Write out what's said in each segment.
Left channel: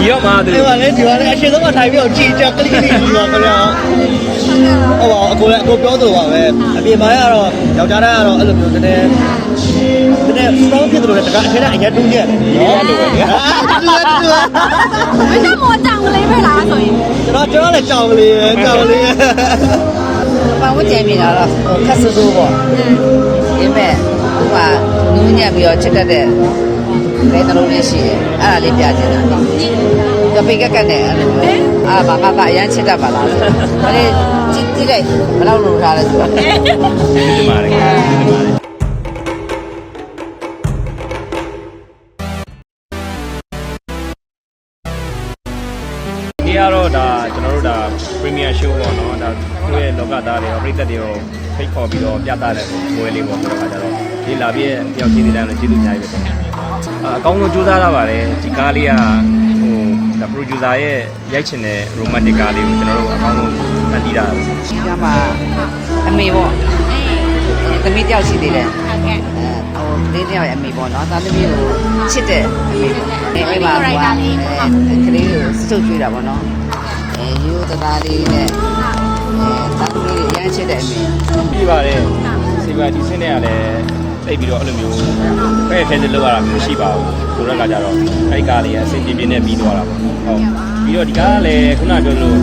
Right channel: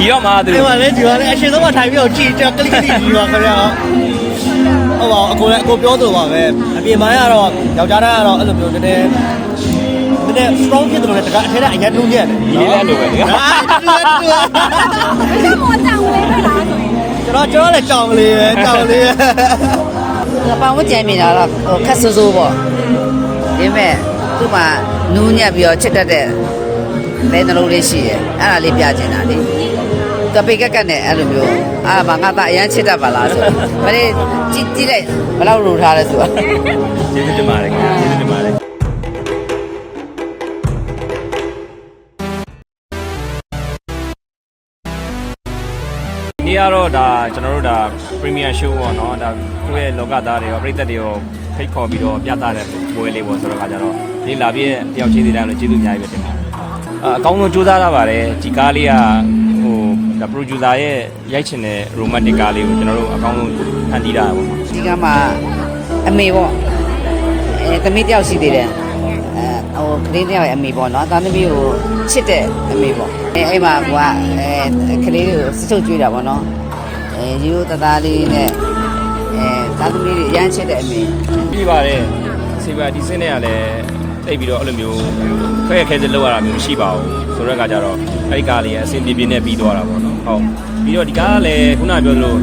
ဒီရောမှာသူဒီမှာလေဒီမှာလေအရှင်ဆုံးမထိုင်ပြီးတော့ကြည်ကြက်ကလေးလေးကြီးပါခင်ဗျာဟုတ်ပါဘူးအကိုလည်းအကိုပြောသူပါပဲအပြင်မှာကတော့ယောက်ျားသားကတော့အဲ့လိုမျိုးတည်းတည်းတည်း strong ဖြစ်တယ်လို့တကအထက်ကအရင်တူးညက်တယ်ဒီလေးလည်းလိုပဲအာတူတူတူဘယ်လိုမှတောင်းလဲခဲ့လားဆိုရင်ကျွန်တော်ကျွန်တော်လည်းကြောင်လေးပဲကြောင်လေးပဲဘာမှကြံမိတာတော့ဟိုခက်ဆူဆူပေါ့ဒီမဲ့သူ့မှာနူးညံ့ပြီးတော့ချစ်တတ်တဲ့ လဲနှလုံးလေးရှိတယ်အဲ့ဒါလေးပြချင်တာလေတပိကက်ကက်နဲ့အဲ့လိုမျိုးအာဘာငါသားအရန်ချစ်တတ်ပါလားဆိုမလေးကြည့်ကြည့်လိုက်ဘယ်လောက်လိုထားလဲဆိုတော့ကျေးဇူးတင်ပါတယ်ခင်ဗျာကျေးဇူးတင်ပါတယ်ဒီကတော့ဒါကျွန်တော်တို့ဒါ Premier Show ပေါ့နော်ဒါသူ့ရဲ့လောကသားတွေရောပြည်သက်တွေရောဖိတ်ခေါ်ပြီးတော့ပြသတဲ့ပွဲလေးပေါ့ဆိုတော့ခါကျတော့ဒီလာပြည့်တယောက်ချင်းစီတိုင်းလို့ကျေးဇူးအများကြီးပဲတင်ပါတယ် အာအကောင်းဆုံးကြိုးစားရပါတယ်ဒီကားလေးကဟိုဒါ producer ရဲ့ရိုက်ချင်တဲ့ romantic ကားလေးကိုကျွန်တော်တို့အကောင်းဆုံးဖန်တီးတာပေါ့ဒီကမှအမေပေါ့အဲသမီးတယောက်ရှိသေးတယ်အဲဟိုကလေးတယောက်ရဲ့အမေပေါ့နော်သားသမီးကိုချစ်တဲ့အမေပေါ့အဲအဲ့မှာဟိုကအဲကလေးကိုစထုတ်ကြွေးတာပေါ့နော်အဲယူတသားလေးနဲ့အဲသားသမီးတွေအရန်ချစ်တဲ့အမေပြီးပါတယ်စီပါဒီစင်းနဲ့ကလည်း တိတ်ပြီးတော့အဲ့လိုမျိုးဖဲ့ခဲစလောက်ရတာမျိုးမရှိပါဘူးဆိုတော့ကကြတော့အဲ့ကားလေးကအဆင်ပြေပြေနဲ့ပြီးသွားတာပေါ့ဟုတ်ပြီးတော့ဒီကားကလည်းခုနပြောလို့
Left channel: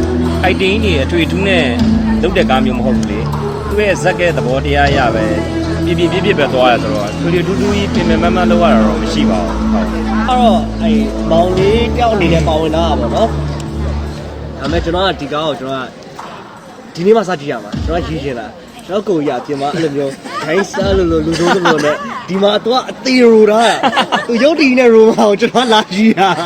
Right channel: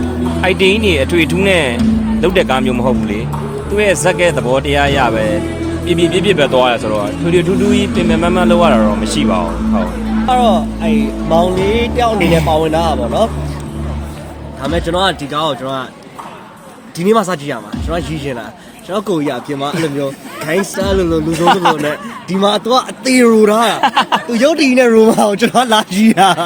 item တွေအထွေထူးနဲ့လုတ်တဲ့ကားမျိုးမဟုတ်ဘူးလေသူ့ရဲ့ဇက်ကဲသဘောတရားရပဲပြပြပြပြပဲသွားရဆိုတော့ထွေထွေထူးထူးကြီးပြင်ပမမလောက်ရတာတော့မရှိပါဘူးဟုတ်အဲ့တော့အဲ့မောင်လေးတယောက်အနေနဲ့ပါဝင်လာတာပေါ့နော်ဒါပေမဲ့ကျွန်တော်ကဒီကားကိုကျွန်တော်ကဒီနေ့မှစကြည့်ရမှာကျွန်တော်ရည်ချင်တာ ကျွန်တော်ကိုကြီးအပြင်မှာအဲ့လိုမျိုး gangster လို့လို့လူဆုံးသလိုနဲ့ဒီမှာတော့အသေးရိုတာသူရုပ်တည်နဲ့ရိုမာကိုကျွန်တော်လာကြည့်တာဒါ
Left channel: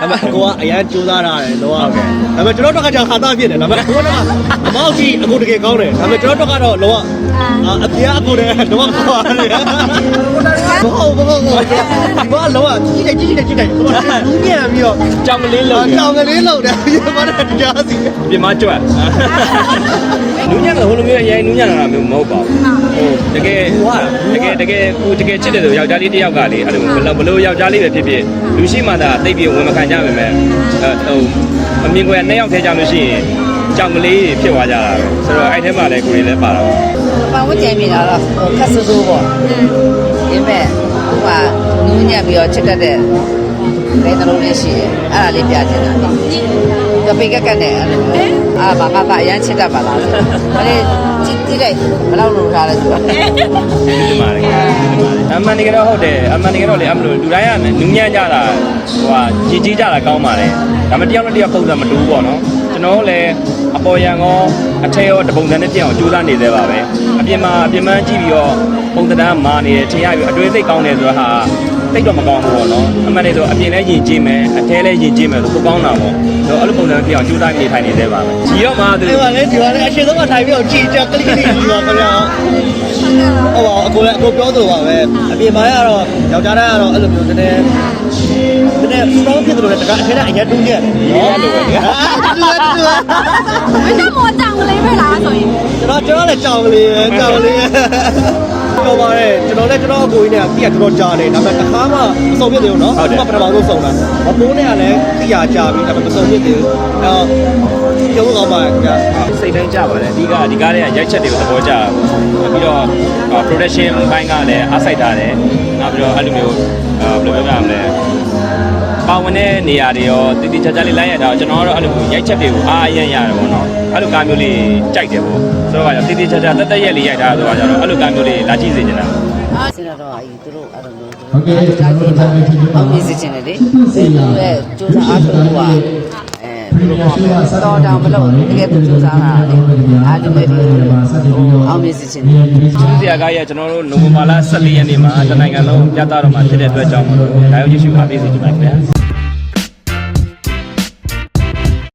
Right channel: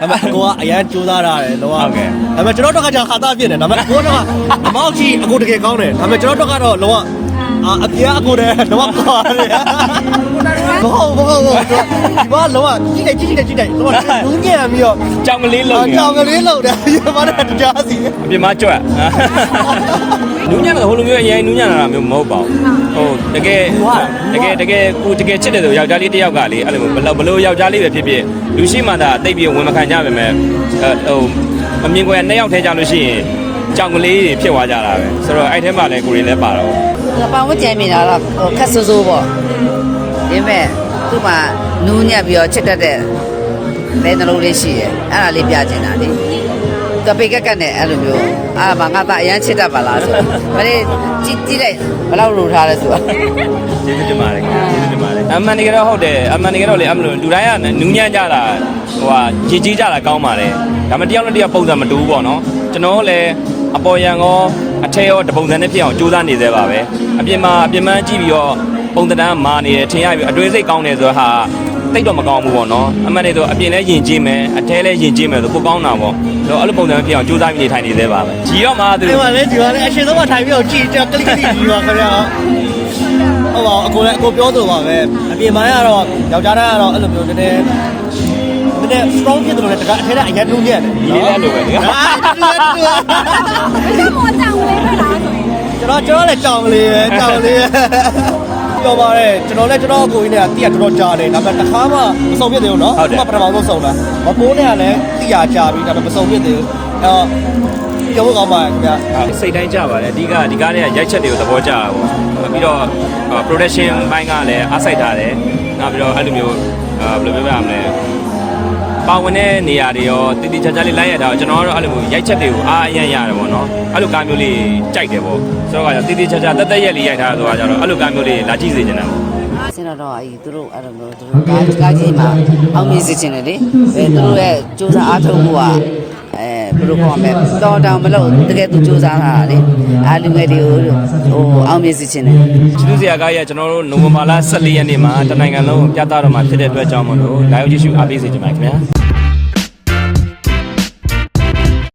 ပေမဲ့အကိုကအရန်ကြိုးစားတာတယ်တော့ဟုတ်ကဲ့ဒါပေမဲ့ကျွန်တော်တို့ကကြောင်ခါသားဖြစ်တယ်ဒါပေမဲ့အကိုတော့အမောက်ကြီးအကိုတကယ်ကောင်းတယ်ဒါပေမဲ့ကျွန်တော်တို့ကတော့လောအာအပြေအကိုတည်းတော့ပါတယ်မဟုတ်ဘူးမဟုတ်ဘူးဒီမှာလောကြည့်တယ်ကြည့်တယ်ကြည့်တယ်ဘူးပြန်ပြီးတော့ကြောင်ကလေးလုံးအကြောင်ကလေးလောက်တယ်ဒီ မှာတော့တရားစီပြင်မကြွတ်နူးညံ့တာဟိုလိုမျိုးအရင်နူးညံ့တာမျိုးမဟုတ်ပါဘူးဟုတ်တကယ်တကယ်တကယ်ကိုတကယ်ချစ်တယ်ဆိုယောက်ျားလေးတစ်ယောက်ကလေအဲ့လိုဘလို့ယောက်ျားလေးပဲဖြစ်ဖြစ်လူရှိမှသာတိတ်ပြီးဝင်မခံကြပါမယ်အဲဟိုအမြင်ကွယ်နှစ်ယောက်ထဲကြလို့ရှိရင်ကြောင်ကလေးဖြစ်သွားကြတာပဲဆိုတော့အဲ့ထဲမှာလည်းကိုရီလည်းပါတော့ဘာမှကြံမိတာတော့ဟိုခက်ဆူဆူပေါ့ဒီမဲ့သူ့မှာနူးညံ့ပြီးတော့ချစ်တတ်တဲ့လဲနှလုံးလေးရှိတယ်အဲ့ဒါလေးပြချင်တာလေ တပိကက်ကက်နဲ့အဲ့လိုမျိုးအာဘာငါသားအရန်ချစ်တတ်ပါလားဆိုမလေးကြည့်ကြည့်လိုက်ဘယ်လောက်လိုထားလဲဆိုတော့ကျေးဇူးတင်ပါတယ်ခင်ဗျာကျေးဇူးတင်ပါတယ်အမှန်တကယ်တော့ဟုတ်တယ်အမှန်တကယ်တော့လေအမလို့လူတိုင်းကနူးညံ့ကြတာဟိုဟာကြည်ကြီးကြတာကောင်းပါတယ်ဒါပေမဲ့တယောက်နဲ့တယောက်ပုံစံမတူဘူးပေါ့နော်ကျွန်တော်လည်းအပေါ်ရန်ကောအထက်ရောတပုံစံနဲ့ပြအောင်ကြိုးစားနေသေးပါပဲအပြင်မှာအပြင်မှန်းကြည့်ပြီးတော့ပုံသဏ္ဍာန်မာနေတယ်ထင်ရပြီးအတွင်းစိတ်ကောင်းတယ်ဆိုတော့ဟာ တိတ်တော့မကောင်းဘူးပေါ့နော်အမှန်တည်းဆိုအပြင်လည်းယဉ်ကျေးမယ်အထဲလည်းယဉ်ကျေးမယ်ဆိုပိုကောင်းတာပေါ့တော့အဲ့လိုပုံစံပြအောင်ကြိုးစားနေထိုင်နေသေးပါကြီးရောမှာသူဒီမှာလေဒီမှာလေအရှင်ဆုံးမထိုင်ပြီးတော့ကြည်ကြက်ကလေးလေးကြီးပါခင်ဗျာဟုတ်ပါအကိုလည်းအကိုပြောသူပါပဲအပြင်မှာကတော့ယောက်ျားသားကတော့အဲ့လိုမျိုးတည်းတည်း strong ဖြစ်တယ်လို့တကအထက်ကအရင်တူးညက်တယ်ဒီလေးလည်းလိုပဲအာတူတူတူဘယ်လိုမှတောင်းလဲခဲ့လားဆိုရင်ကျွန်တော်ကျွန်တော်လည်းကြောင်လေးပဲကြောင်လေးပဲပြောပါတယ်ကျွန်တော်လည်းကျွန်တော်အကိုကြီးနဲ့တိရတော်ကြားတယ်ဒါပေမဲ့တစ်ခါမှမ ဆုံးဖြစ်သေးဘူးเนาะပထမဆုံးဆုံးတာအမိုးနဲ့ကလည်းတိရကြပြီဒါပေမဲ့မဆုံးဖြစ်သေးဘူးအဲပြောအောင်ပါခင်ဗျာ စိတ်တိုင်းကြပါတယ်အဓိကဒီကားတွေကရိုက်ချက်တွေကိုသဘောကျတာပေါ့ပြီးတော့ production ဘိုင်းကလည်းအားစိုက်ထားတယ်နောက်ပြီးတော့အဲ့လိုမျိုးဘယ်လိုပြောရမလဲပေါဝင်တဲ့နေရာတွေရောတည်တည်ချာချာလေးလိုက်ရတာကျွန်တော်ကတော့အဲ့လိုမျိုးရိုက်ချက်တွေကိုအားအရန်ရတယ်ပေါ့နော်အဲ့လိုကားမျိုးလေးကြိုက်တယ်ပေါ့ဆိုတော့တည်တည်ချာချာတက်တက်ရက်လေးရိုက်တာဆိုတော့ကျွန်တော်အဲ့လိုကားမျိုးလေးလာကြည့်စေချင်တာ စင်တော်အကြီးသူတို့အဲ့လိုမျိုးသူ တို့ကာကြီးမှာအောင်မြင်စေချင်တယ်လေသူတို့ရဲ့စူးစမ်းအားထုတ်မှုကအဲဘယ်လိုပြောမလဲတော်တောင်မလို့တကယ်သူစူးစမ်းတာလေအားလူငယ်တွေကိုဟိုအောင်မြင်စေချင်တယ်ကျူးစရာကားရဲ့ကျွန်တော်တို့နိုဝင်ဘာလ14ရက်နေ့မှာတနိုင်ငံလုံးပြသတော့မှာဖြစ်တဲ့အတွက်ကြောင့်မလို့နိုင်ရောက်ကြည့်ရှုအားပေးစေချင်ပါတယ်ခင်ဗျာ